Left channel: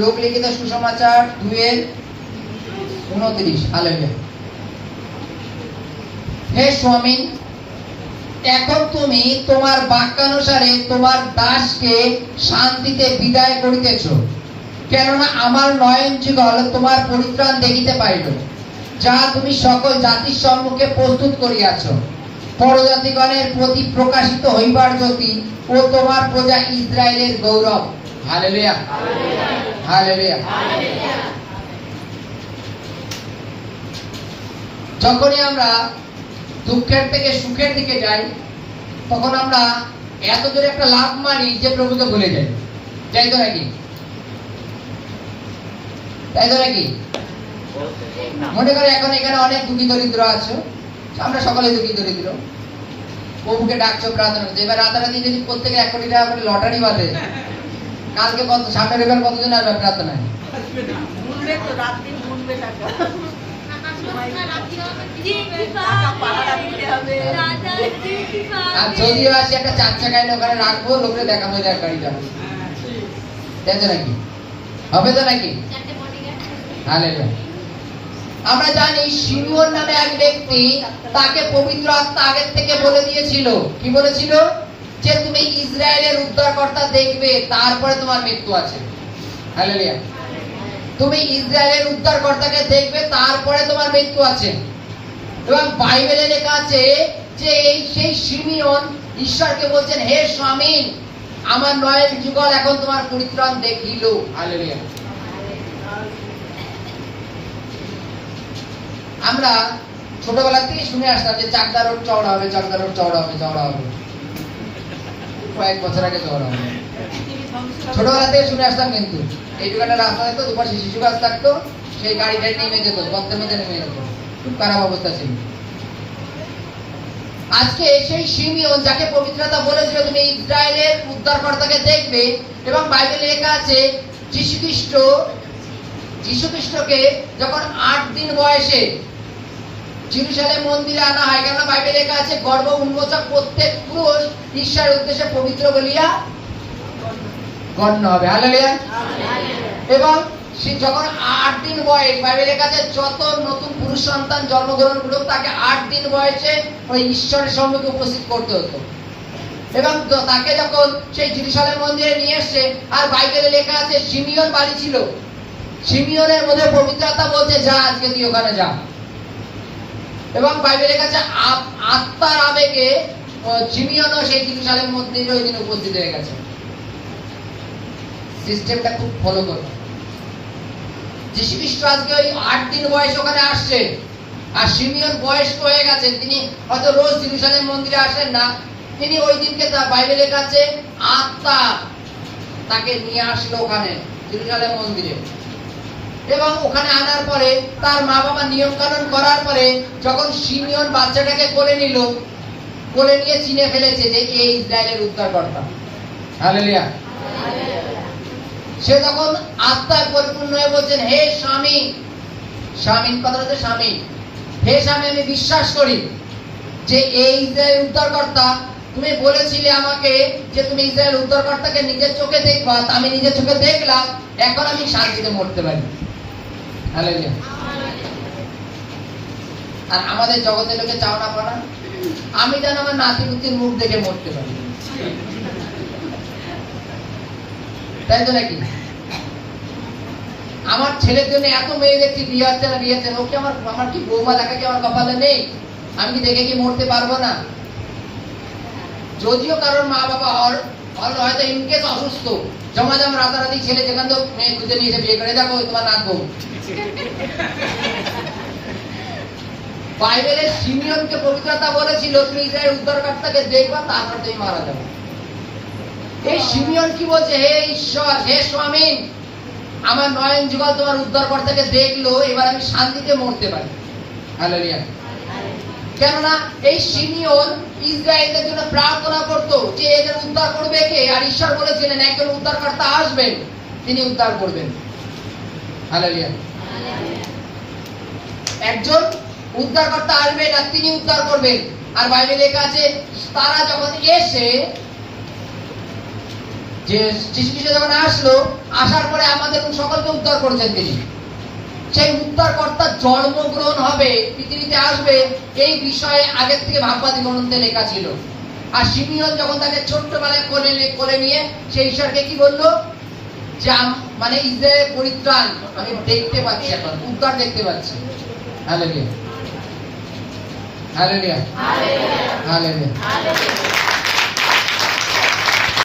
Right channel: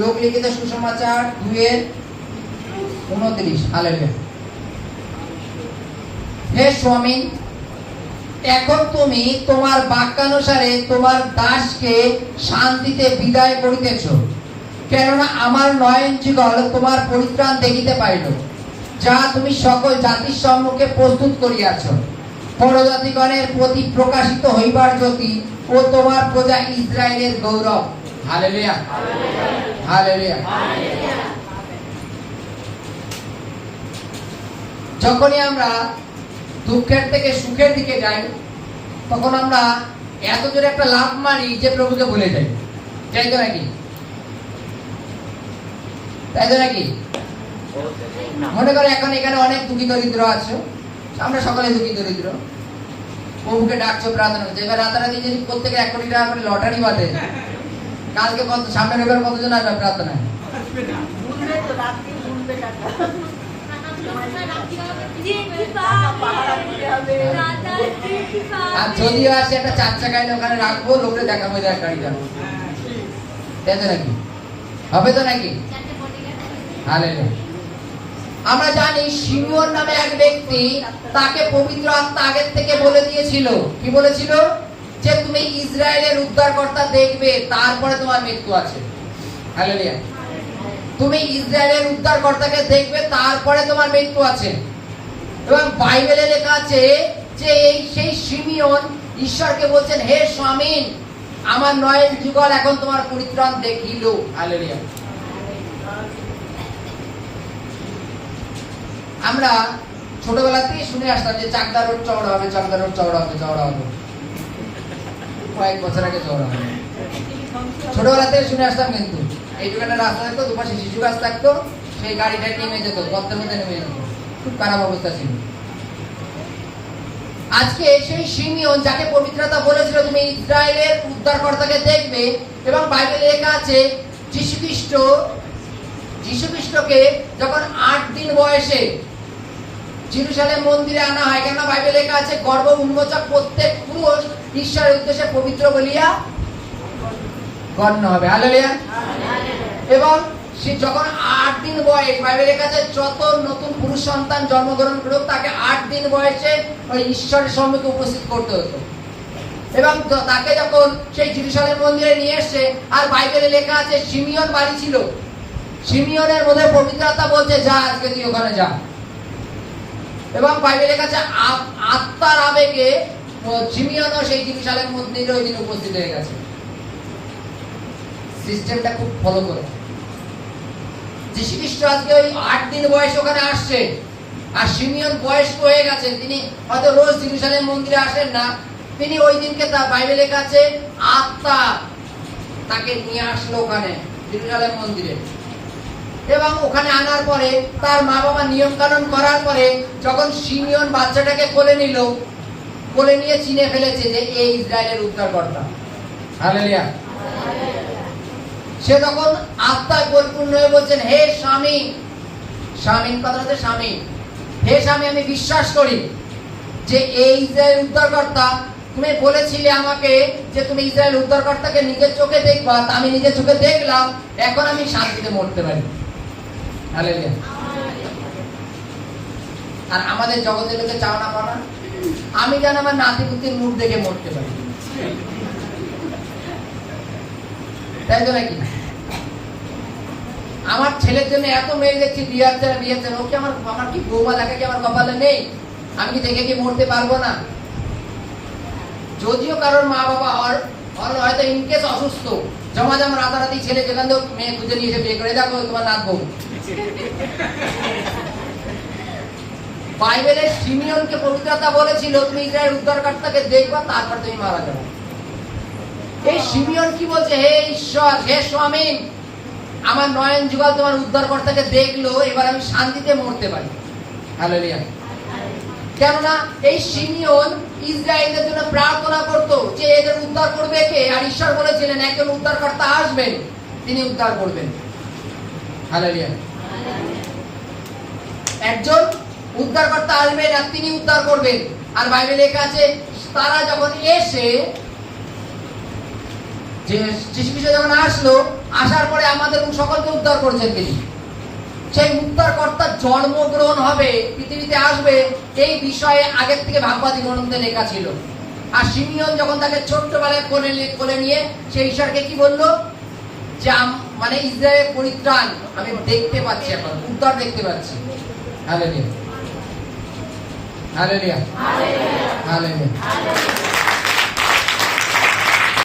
লোক লিখিত সুসমাচার 2:29। হালেলুয়া। হে স্বামী, এখন তুমি তোমার বাক্যানুসারে তোমার দাসকে শান্তিতে বিদায় করিতেছ, কেননা আমার নয়ন যুগল তোমার পরিত্রাণ দেখিতে পাইল, যা তুমি সকল জাতির সম্মুখে প্রস্তুত করিয়াছ, পরজাতিগণের প্রতি প্রকাশিত হইবার জ্যোতি ও তোমার প্রজা ইসরায়েলের গৌরব। Hallelujah, hallelujah. যখনই আমরা দুঃখের থেকে সুখের দিকে যাই, তখন আমরা এত জোরে একটা লাভ মারি যে প্রভুকে ভুলে যাই। যাই তো নাকি? তাই তো নাকি? মনে করে এখন এখানে অনেক দুঃখী দরিদ্র আছে, আমরা সকলে দুঃখী দরিদ্র, প্রভুকে ডাকছো, প্রার্থনা করছো। এবার রাতারাতি যদি প্রত্যেকের 1 কোটি টাকা করে লটারি বাঁধে, কালকে কত, সামনের এবার কতজন আসবে প্রার্থনায়? আর যদিও আসে একটা 4 চাকায় ওখানে রাখবো, লোকরে দেখাবো যে গাড়িটা, তাই তো নাকি? হবে তো নাকি? হালেলুয়া। আমরা জানি শিমিয়ন নামে এক ব্যক্তি, তাকে পবিত্র আত্মা আগের থেকে বলে দিয়েছিল। কি বলেছিল? যে তুমি ইসরায়েলের উদ্ধারকর্তা দেখবে, তারপরে তোমার মৃত্যু আছে। হালেলুয়া। তুমি ইসরায়েলের উদ্ধারকর্তাকে দেখবে, তারপরে তোমার মৃত্যু আছে। এবং বাইবেলে লেখা আছে যে সেই শিমিয়ন ঈশ্বরকে বলছেন, হে স্বামী, আমার নয়ন যুগল এখন তোমার পরিত্রাণ দেখিল। হালেলুয়া। আমরা ছোটবেলা থেকে শুনে আসতাম যে চাকদা রোড চওড়া হবে, চাকদা রোড চওড়া হবে, চওড়া হবে। কয়েক বছর আগে চওড়া হবে, ছোটবেলা থেকে শুনে আসতাম। কিন্তু এইটুকু একটা রাস্তা থাকতো, দুপাশে শিশু গাছ থাকতো, সেই গাড়িটাই নেমে যেত, গর্তের মধ্যে নেমে যেত, খুব খারাপ অবস্থা ছিল। আজকে সেই শিমিয়ন, যাকে পবিত্রতা বলেছিল তুমি ইসরায়েলের উদ্ধারকর্তাকে দেখবে, এবং বাইবেলে লেখা আছে যীশু খ্রিস্টকে যখন 8 দিন বয়সে জেরুজালেম মন্দিরে আনা হয়, কেননা বাইবেলে লেখা আছে গর্ভ উন্মোচক প্রত্যেক পুরুষ ঈশ্বরের উদ্দেশ্যে পবিত্র বলিয়া গণ্য হবে। হালেলুয়া। এবং সে যখন 8 দিন বয়স, বাইবেলে লেখা আছে যত নতুন পুরুষ সন্তান জন্মগ্রহণ করুক, তাকে 8 দিন বয়সে ওই ঈশ্বরের সম্মুখে উপস্থিত করতে হতো। এবং তাকে যখন সেই জেরুজালেম মন্দিরে নিয়ে এসে, আর বাইবেলে লেখা আছে শিমিয়ন বাড়ি ছিল, শিমিয়নের মধ্যে পবিত্র আত্মা বলছে, যা আজকে তুই ওখানে যা। এবং বাইবেলে লেখা আছে আত্মার আবেগে শিমিয়নও সেই জেরুজালেম মন্দিরে ওই দিন উপস্থিত হয়ে গেছে। সিস্টেমটা খুব ফলো করো। যীশু খ্রিস্ট আজকে ওই 8 দিন বয়সে ওখানে আসছে, আর শিমিয়ন বয়স্ক হয়ে গেছেন, তিনি হয়তো রোজ জেরুজালেম মন্দিরে আসেন না, তিনি ওই দিনকে বাইবেলে লেখা আছে আত্মা তাকে নিয়ে আসলো ওখানে জেরুজালেম মন্দিরে। এবং ওখানে আনার পরে তার মা বাবা নিয়ম কানুন করার পরে যখন শিমিয়ন বাচ্চাটাকে কোলে নিল, কোলে নিয়ে চিনে ফেলেছে যে এই ইসরায়েলের উদ্ধারকর্তা। হালেলুয়া। সে তখন আত্মায় পরিপূর্ণ হয়ে বলছেন, হে স্বামী, স্বামী কথা হচ্ছে স্বামী, হে স্বামী, আমি বিশ্বাস করি যে এই ইসরায়েল উদ্ধারকর্তা, তুমি বলেছিলে আমাকে যে তুমি ইসরায়েল উদ্ধারকর্তাকে নিজের চোখে দেখবা, আমি নিজের চোখে দেখলাম, এখন আমি শান্তিতে মরতে পারি। হালেলুয়া। আর আমাদের জগতের লোকে চাও না পারা, আমি যেন আমার নাতিপুতির মুখ দেখে মরতে পারি, তাই তো নাকি? আমার ছেলের জন্য এত মেয়ে দেখছি, বিয়ে হচ্ছে, ওকে আমার কি বৌমা দেখা কি আমার কপালে নেই? আমি কি দেখে কি মরতে পারবো না? যদিও কারোর মা বাবা হয়তো ইনকেস অসুস্থ, জমা রাতারাতি ছেলে যেখান থেকে মেয়ে খুঁজে নিয়েছে বিয়ে করে, দেখো তোমার নাত বউ। বাইবেলে শিমিয়নকে পবিত্রতা বলেছিল, তুমি ইসরায়েল উদ্ধারকর্তাকে দেখবা, তারপর তুমি মারা যাবে। এই শিমিয়ন কি বলছে? হে ঈশ্বর, হে স্বামী, আমার নয়ন যুগল তোমার উদ্ধারকর্তাকে দেখলো, এবার আমি শান্তিতে মরতে পারি। হালেলুয়া। কেননা এই শিমিয়ন ইসরায়েলদের জন্য প্রার্থনা করতো যে এদের উদ্ধার করবে কে, আর ঈশ্বর বলেছিলেন একজন উদ্ধারকর্তা আসবেন, তিনি উদ্ধার করবেন। হালেলুয়া। একজন উদ্ধারকর্তা আসবেন আর তিনি উদ্ধার করবেন। আর বাইবেলে লেখা আছে তারা যখন এসে যে যিশু খ্রিস্ট যখন আসলো, আসার পরে আমাদের সকলকে উদ্ধার করেছেন তিনি। সেই উদ্ধারকর্তার জন্মগ্রহণ হবে, পৃথিবীতে আসবে, এই বিষয়ে আগের থেকে ভাগবতী গ্রন্থে লেখা ছিল। আর সিমিয়ন যখন তাকে ছোট্টবেলায় কোলে নিয়ে সেই ঈশ্বরকে কি বললো, যে মানে ইসরায়েলের পরিত্রাণ আমি দেখতে পাচ্ছি, এখন উদ্ধার দেখতে পাচ্ছি। Hallelujah, hallelujah, hallelujah, hallelujah.